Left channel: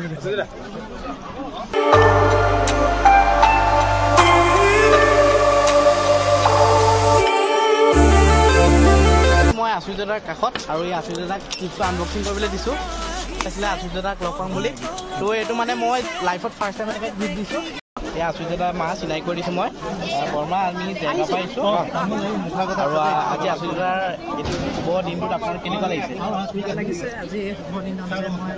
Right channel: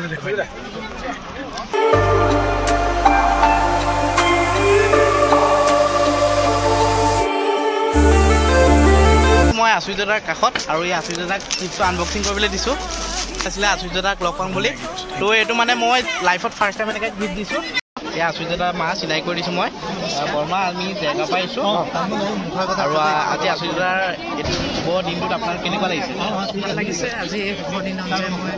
এইফালে দেখুৱাই দিয়া মই আচুইদাদাৰ কাষত আৰু এই আচুইদাদাক কিছু আনবক্সিং কৰিবলৈ দিছোঁ আছিলে আচুইদাদাক লগ পাম বুলি তো এইটো মানে মই লাইফত ফাৰ্ষ্ট টাইম এনেকৈ গিফ্ট দিছোঁ এই আচুইদাদা মাহ চিলাই কৰি দিছোঁ মই বৰমা আমি জেগা পাইছোঁ আৰু আজি আচুইদাদাৰ এইটো শুভ দিনটোত আপোনাৰ কেনেকুৱা লাগিছে ভাল লাগিছে আজি শুভ দিনত যে মই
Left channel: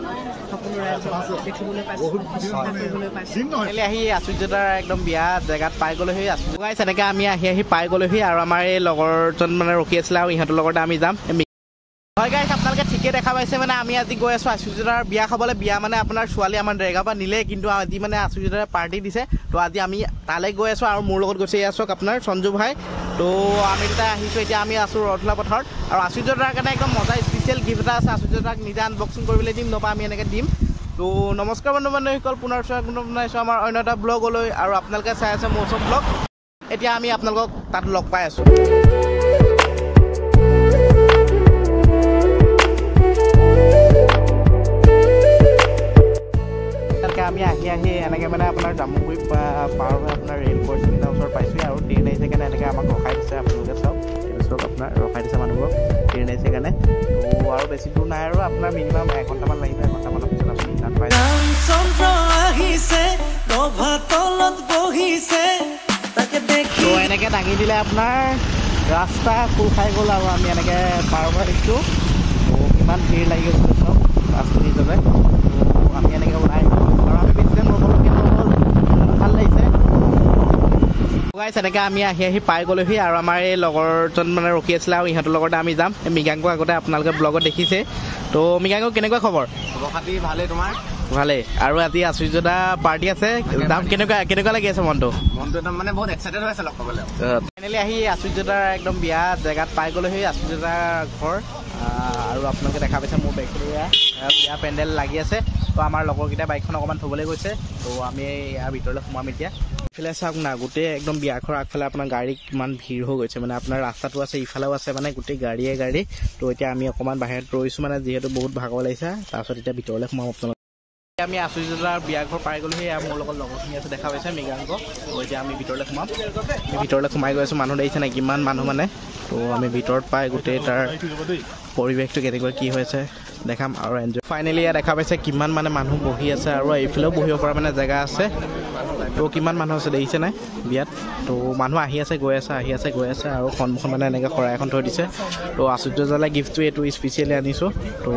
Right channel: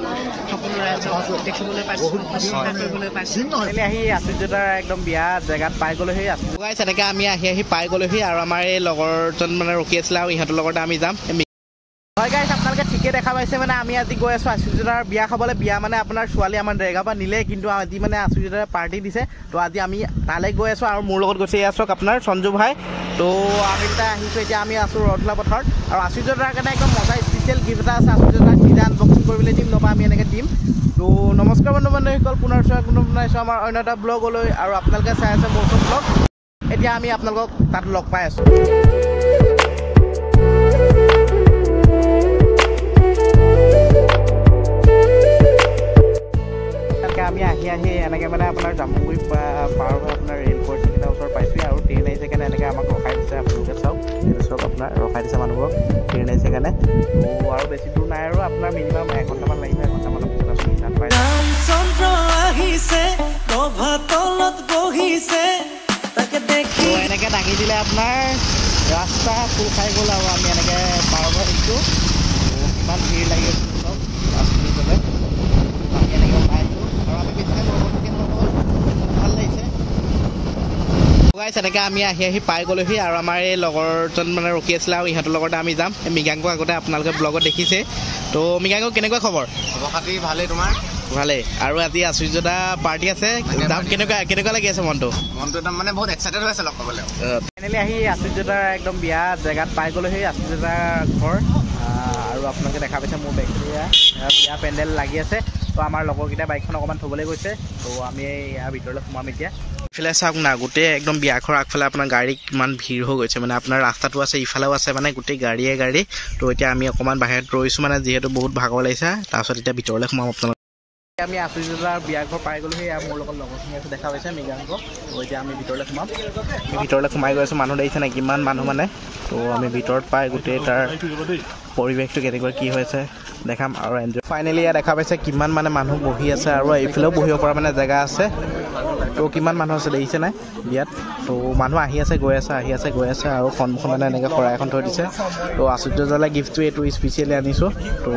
সকলো ৰাইজক দেখিবলৈ পাইছোঁ শুশ্ৰূষা কৰিবলৈ পাইছোঁ আহি আচুইদাদাৰ একদম বিয়া জেগাত পাই গ'লোহি গাইছ এনেকৈ আমি আহি পাই গ'লোহি আৰু আমাৰ এই লগৰজন মানে ৰখি আছিলে আৰু ইহঁতৰ লগতে আমি যাম হয় গাইছ আপোনালোকে ঠিকে দেখা পাইছে মানে আমি আজি গৈ আছোঁ আচুইদাদাৰ বিয়া খাবলৈ বিয়া মানে আপোনাৰ ছোৱালী আমাৰ ডেৰগাঁৱৰ পৰা নিলে কিন্তু আজি মানে আচুইদাদাৰ পাৰ্টি দিছে তো আজি আমি তালৈ গৈ আছোঁ আৰু মোৰ লগত গৈছে এয়া চাওক আপোনাৰ সঞ্জু ভাই তো আমি যেতিয়া আহিছোঁ এতিয়া আমি আছোঁ ৰদলা পথাৰত আৰু আচুইদাদাৰ কাৰণে একদম মজা স্পেচিয়েল গিফ্ট এটা আছে আচুইদাদাক নিজে আনবক্সিং কৰিবলৈ দিম নবা আমি এনেকৈ দিম তো নমস্কাৰ বন্ধু বান্ধৱীসকল পুনৰ বনাইছোঁ আমাৰ অন্য এটা ব্লগলৈ আৰু আপোনালোকে চাই আছে মোৰ চব ব্লগ এতিয়া আমি আপোনালোকক তাত লগ পাই আছোঁ আমি আহি এনেকৈ মানে আপোনাৰ জামুগুৰি পাৰ হৈ আপোনাৰ ৰেল পইণ্টকেইটাৰ ওচৰত পাইছোঁহি আৰু ট্ৰেইন আহিছে কাৰণে এনেকৈ আমাক ৰখাই দিছে আপোনালোকে চাওক এইটো চাওক আপোনাৰ ৰখাই দিছে মানুহবোৰক ট্ৰেইন আহিছে কাৰণে তো আৰু বেছি দূৰ নাই আৰু আপোনাৰ মিনিমাম এঘণ্টামান লাগিব এঘণ্টামানৰ পিছত আপুনি তাত পাই তো এনেকৈ দাঙি দিলে আপোনাৰ ৰাস্তা খোল খাই গ'ল আৰু আমি এনেকৈ পাৰ হৈ আহিছোঁ কিমান ভিৰ লাগি গৈছিলে চাওক ৰাস্তাৰ হিচাপে আমি এনেকৈ ওলাই আহিছোঁ আৰু আমি বেছি টাইম ৰ'বলগীয়া নহ'ল ভাল লাগিছে গাইছ এনেকৈ আমি আহি পাই গ'লোহি আৰু আমাৰ এই লগৰজন মানে ৰখি আছিলে আৰু ইহঁতৰ লগতে আমি যাম এই মৃগাংক আগতে আপোনালোকে ব্লগত দেখিছে তো মৃগাংক কেনেকুৱা খবৰ খাতি ভালেই তোমাৰ ভালেই আৰু আজি আচুইদাদা পাৰ্টি আছে যাম কেনেকুৱা লাগি আছে মনটো একদম মানে বহুত এক্সাইটেড হৈ আছে লগ পাবলৈ ফাইনেলি আহি আচুইদাদাৰ একদম বিয়া জেগাত পাই গ'লোহি আচুইদাদাৰ ঘৰ আৰু আপোনালোকে দেখা পাইছে মোৰ বেকটেৰিয়া বিয়া পেণ্ডেল লাগি আছে তো আমাৰ লগৰকেইটা বাইকখন অকণমান থ'বলৈ গৈছে তো আমি ইয়াৰ ভিতৰলৈ সোমাম এতিয়া ইফালে চাওক না গোটেই একদম বিয়াঘৰ আগফালে আপোনাৰ গাড়ী কিমান ভিৰ হৈ গৈছে মানে আপোনাৰ ৰাস্তাটো আছে ইফালেও আছে মানে গোটেই গাড়ীয়ে গাড়ী তো এতিয়া আমি অকণমান বাহিৰত ৰৈছোঁ মানে যিহেতু বহুত ভাগৰ লাগিছে তাৰপিছত এতিয়া ভিতৰলৈ সোমাম আপোনালোকে আমি আচুইদাদাৰ বিয়াঘৰ পাই গ'লোহি এয়া মোৰ লগত লগৰখিনি আছে দেখা পাইছে মৃগাংক তো এতিয়া আমি ভিতৰলৈ সোমাম আমি ভিতৰলৈ সোমাই গৈ আছোঁ মানুহ দেখিছে নাই কিমান মানুহ মানে তো আমি ভিতৰত পাই গোটেই তাৰ পৰিৱেশটো কেনেকুৱা কি হৈছে দেখাম আৰু এনজয় ফাইনেলি ইয়াত দেখা পাইছে কিমান মানে মানুহ বহি আছে আৰু এইফালেও বহিব পৰা মানে জেগা আছে তো কিমান মানুহ আছে দেখিছে নাই বিয়াত তো মানুহ আহি আছে গৈ আছে আহি আছে গৈ আছে আৰু সন্মুখত মানে এনেকৈ শৰাই এখন থৈ দিছে তো আচুইদাদালৈ গিফ্টটো এইটো স্পেচিয়েলি আনিছোঁ তো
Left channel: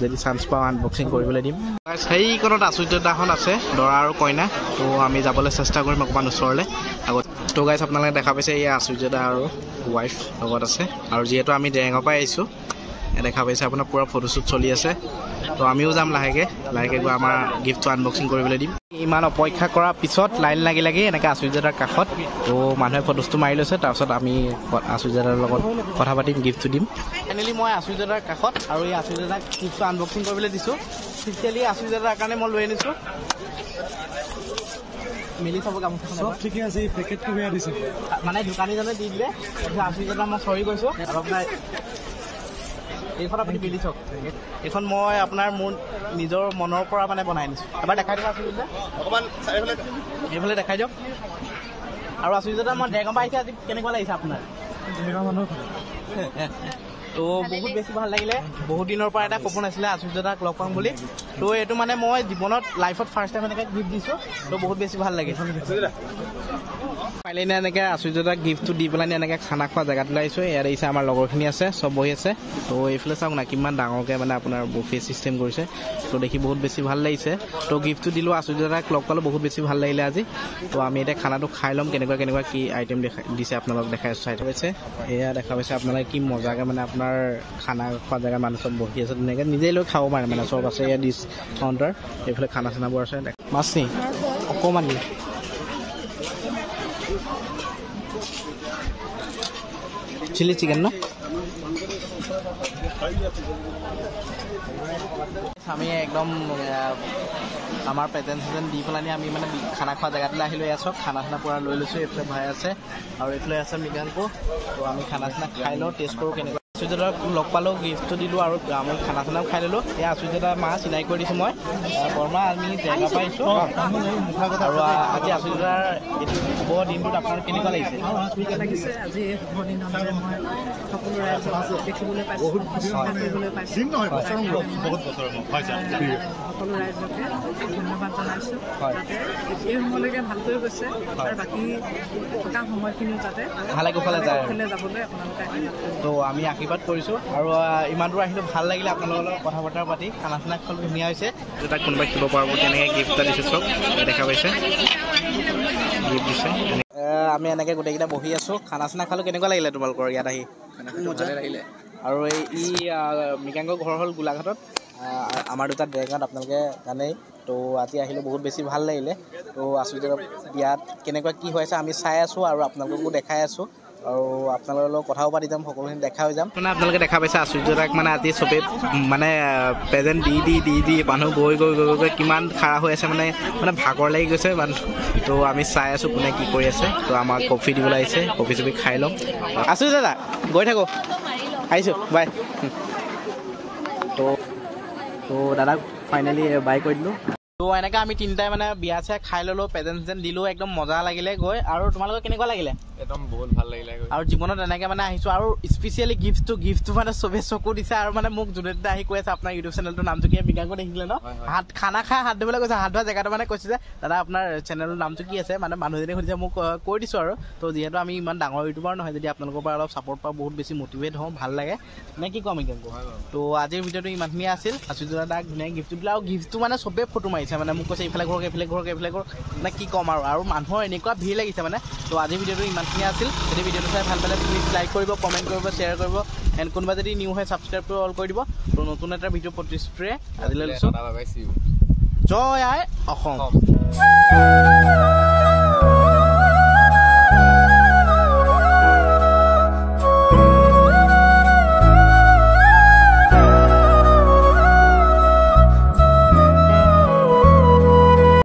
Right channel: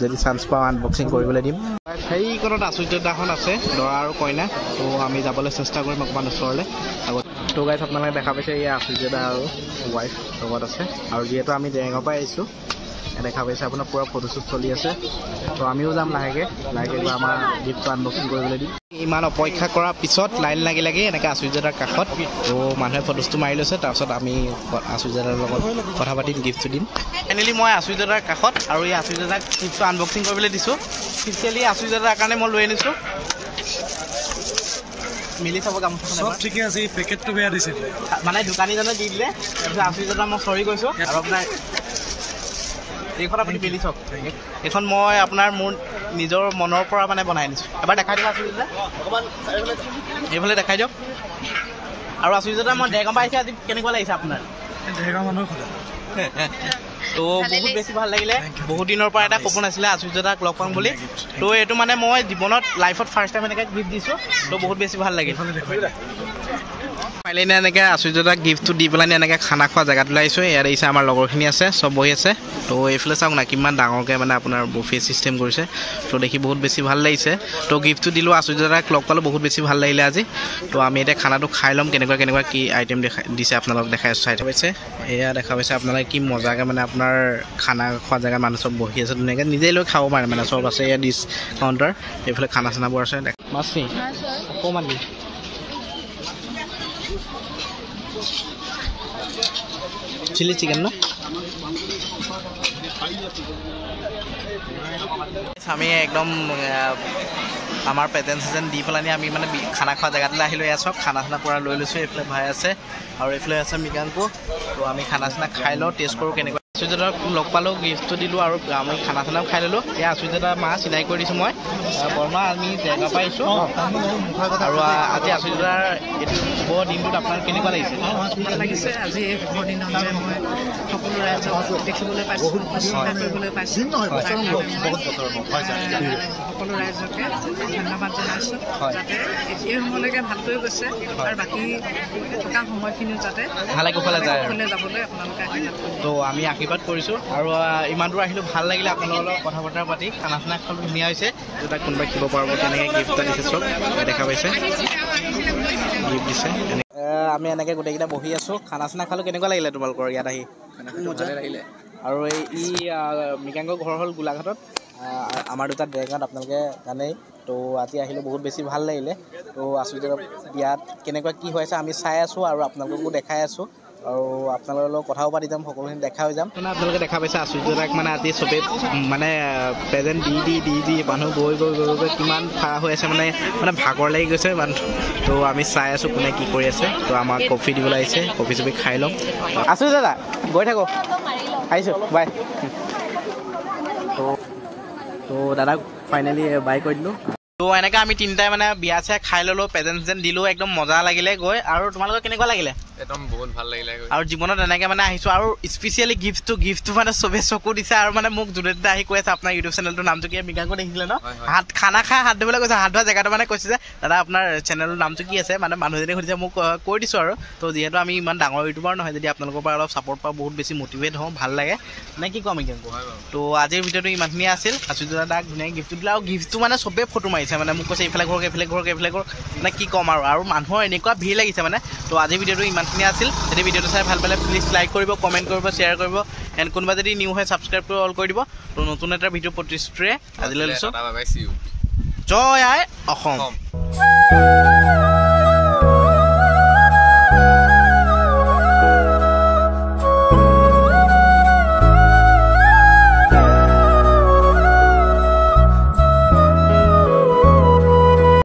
যদি চান্স পাওঁ আনবক্সিং কৰিবলৈ দিম সেইকণত আচুইদাদাখন আছে দৰা আৰু কইনা তো আমি যাবলৈ চেষ্টা কৰিম অকণমান ওচৰলৈ আগত তো গাইছ আপোনালোকে দেখা পাইছে এই আচুইদাদা আৰু ৱাইফ লগত আছে আৰু যিহেতু আমি ডেৰগাঁৱৰ পৰা আহিছোঁ দেখা পাইছে আপোনাৰ পূৰা ফটোশ্বুট চলি আছে তো আমিও যাম লাহেকৈ গৈ আমাৰ গিফ্টটো আনবক্সিং কৰিবলৈ দিম ইমান অপেক্ষা কৰাৰ পিছত লাইন লাগি এনেকৈ আচুইদাদাৰ কাষত তো মানুহে ফটোশ্বুটটো মাৰি লৈছে তাৰপিছত আমি আচুইদাদাৰ লগত কথা পাতিম গিফ্টটো দিম ফাইনেলি মই আচুইদাদাৰ কাষত আৰু এই আচুইদাদাক গিফ্টটো আনবক্সিং কৰিবলৈ দিছোঁ স্পেচিয়েলি আচুইদাদাৰ কাৰণে মই লৈ আনিছোঁ মিলি চাব গামোচা চব ঠিকে আছে এই পেকেটটো বেয়া দিছে মানে দোকানীজনে দি দিলে তাৰপিছত আচুইদাদা মই চৰি কৈছোঁ আৰু আপোনাৰ এইখন আপুনি মিলি চাওক এইখন মই আপোনাৰ মোৰ নিজৰ মনৰ পৰা মানে বনাই আনিছোঁ এবাৰ দেখাই দিয়ক আচুইদাদা অকণমান এইফালে দেখাই দিয়ক আৰু আচুইদাদা মই ডেৰগাঁৱৰ পৰা আহিছে আজি কেনেকুৱা লাগিছে আপোনাৰ ডেৰগাঁও মানুহৰ কথা তো বহুত বেছি ভাল লাগিলে বহুত দিনৰ পৰা এটা সপোন আছিলে আচুইদাদাক লগ পাম বুলি তো এইটো মানে মই জীৱনত লাইফত ফাৰ্ষ্ট টাইম এনেকৈ গিফ্ট দিছোঁ তো বহুত বেছি ভাল লাগিল পাৰিলে এনেকৈ আচুইদাদাক গিফ্টটো দি পেলাই এনেকৈ খানা খোৱা জেগাটোলৈ আহিছোঁ ইয়াত আহিছে আমাৰ লগৰখিনি আছে চব বহি আছে তো এইফালে চাওক না কিমান ডাঙৰকৈ মানে আপোনাৰ বুফে চিষ্টেম কৰিছে তো দেখি বহুত বেছি ভাল লাগিছে তো গিফ্টটো দিলোঁ আচুইদাদাক লগ পালোঁ বহুত বেছি ভাল লাগিলে আজি তো আমি এতিয়া খানাটো খাই ল'ম কেনেকুৱা কি আইটেম দিছে আপোনালোকক দেখাই চাই পাইছে এয়া দেখা পাইছে আপোনালোকে কি মজাকৈ মানে আপোনাৰ খানা খোৱা জেগাত মানুহ চব বহি আছে ধুনীয়াকৈ নিজেই লৈ খাব পাৰে মানে চব আছে ইয়াত ডিছ কাউণ্টাৰ এইফালে খানা চানাবোৰ আছে মাছ নি অকণমান চিলি চিকেন ন আমি একদম আমাৰ প্ৰেজেন্ট দি পেলাই আমি মানে খানা খোৱা জেগাটোলৈ আহিলোঁ এয়া চাওক খানা চানা পূৰা লৈ লৈছোঁ এইফালে ভাই আছে আৰু এইফালে আছে মৃগাংক তো আমি খানা চানা খাই লওঁ টেষ্ট কৰোঁ কেনেকুৱা আচুৰ্যদাক লগ পালোঁ, গিফ্টটো দিলোঁ আৰু আমি খানা চানাও খাই ল'লোঁ। এই আচুৰ্যদা মা চিনাকি কৰি দিছোঁ মই। বৰ্মা আমি জেগা পাইছোঁ আৰু আজি আচুৰ্যদাৰ এইটো শুভ দিনটোত আপোনাৰ কেনেকুৱা লাগিছে? ভাল লাগিছে। আজি এই শুভ দিনত যে মই সকলো ৰাইজক দেখিবলৈ পাইছোঁ, শুশ্ৰূষা কৰিবলৈ পাইছোঁ, সকলো ৰাইজকে ধন্যবাদ জনাইছোঁ। যাতে এই সময়লৈকে ভালকৈ গৈছে আৰু বাকী থকা সময়খিনিও যাতে ভালে কুশলে যায় যাবলৈ আপোনালোকে আশীৰ্বাদ কৰিব। তো আমি আশীৰ্বাদ কৰিছোঁ আৰু ইমান দূৰ আহিলোঁ, ভাল লাগিলে আপোনালোকৰ লগত কথা বতৰা পাতি। খানা চানা খালোঁ, ধুনীয়া হৈছে। তাক কোনোবাই শিৱ পাৰ্বতী এনেকৈ গিফ্ট এটা দিছে, চব দেখা পাইছে, গিফ্ট দিছে। আমি এনেকৈ গোটেইকেইটা বহি আছোঁ, খানা চানা খালোঁ। কেনেকুৱা লাগিলে তোমালোকৰ ইয়াত আহি? মজা লাগিলে। আৰু এই মৃগাংকৰ ঘৰ হ'ল গোলাঘাটত, আমাৰ দুটা ডেৰগাঁৱত, আপোনালোকে জানেই। তো আজি আহিলোঁ, বহুত বেছি ভাল লাগিলে। তো আচুৰ্যদাৰ বিয়াত কেনেকুৱা কি হৈ আছে আমি চাই আছোঁ আৰু আপোনালোককো দেখাই আছোঁ আৰু আপোনালোকৰ লগত কথাও পাতি যাম, সকলোখিনি দেখা হৈ যাম। মানে আপোনালোকে দেখা পাইছে আচুৰ্যদাক মানে আজি চবেই মানে প্ৰেজেণ্ট দি মানুহ গৈ কিমান খাৰা হৈ আছে, মানে ভাগৰ লাগি গৈছে মানুহ। তো আমি চাই আছোঁ কোনে কি কৰি আছে। তো আমাক কফি দিবলৈ আহিছে, কফি চফি খাই ল'ম। আচুৰ্যদা গৈ থাকোঁ, আহিছোঁ, বাই। তো দাদাক ফাইনেলি বাই কৰি দিলোঁ। তো এনেকৈ আমি তিনিটাই মানে বিয়া চিয়া খাই ল'লোঁ, প্ৰেজেণ্ট চেজেণ্ট দিলোঁ, একদম মজা লাগিলে গৈ। আৰু তোমালোকৰ কেনেকুৱা লাগিলে? একদম বহুত ভাল লাগিলে। আৰু জীৱনত এনেকৈ মানে আহিছোঁ আৰু স্পেচিয়েলি গিফ্টটো মানে চবেই চকু দিছে আৰু মানে মোক যোনে আহি কৈ আছে আপোনাৰ ইউটিউব চেনেলটোৰ নামটো কি? মৃগাংক দেখিছিলে ন? খানা খাই হাত ধুবলৈ কৈছে, হাত ধোৱা জেগাটো মানে কৈছে যে দাদা আপোনাৰ চেনেলৰ নামটো কি আছে? মানে মানুহজনে সুধিছে, মোক কৈ দিছোঁ আৰু। তো যিহেতু আমি ইমান ডাঙৰ ইউটিউবাৰ নহয়, যদি আপোনালোকৰ পৰা অলপ ছাপোৰ্ট পাওঁ, বহুত বেছি মটিভেট হওঁ, ভাল লাগে মানে কি ক'ম মৃগাংক। তো আজিৰ ভিডিঅ'টো ইমানখিনিয়ে আছিল। আচুৰ্যদাক ধুনীয়াকৈ গিফ্টটো দিলে আৰু গিফ্টটো মানে চবেই ফটো মাৰিছে, মানে মোক কৈছে এইফালে ঘৰ মানে কি ক'ম আৰু মানুহৰ এনেকুৱা ভিৰ লাগিছে মানে। তো আজিৰ ভিডিঅ'টো ইমানখিনিয়ে আছিল। যদি ভিডিঅ'টো চাই ভাল পালে প্লিজ লাইক কৰিব, কমেণ্ট কৰিব, শ্বেয়াৰ কৰিব, এণ্ড কোনোবা যদি নিউ হয় ছাবস্ক্ৰাইব কৰি অল কৰি দিব। তো নতুন এটা ভিডিঅ' প্ৰতিশ্ৰুতিৰে আজিলৈ লৈছোঁ। জয় আই অসম।